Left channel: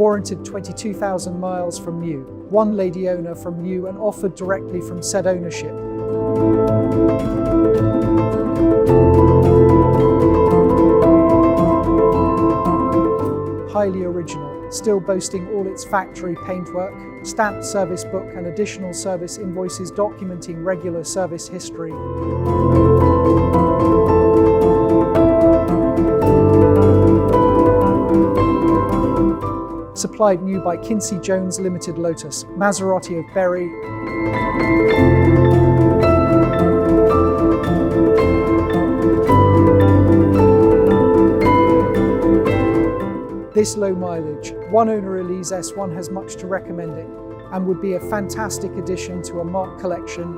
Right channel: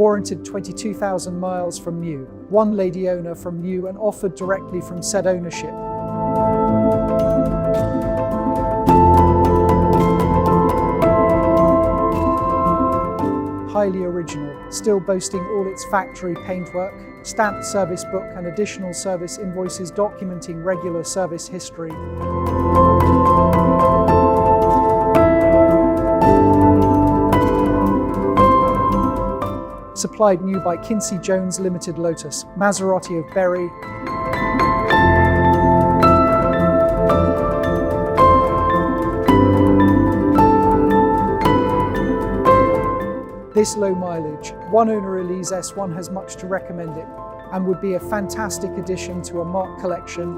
Warranted 22,000 miles from new. One lady owner from new and offered directly from said ownership. Highly original, still boasting all its factory paintwork, stamped service book and additional service invoices documenting regular service history. Supplied new by Kinsey Jones Limited Lotus, Maserati of Berry. This low mileage, one owner Elise S1 has much to recommend it and would be a fantastic addition to a marque collection.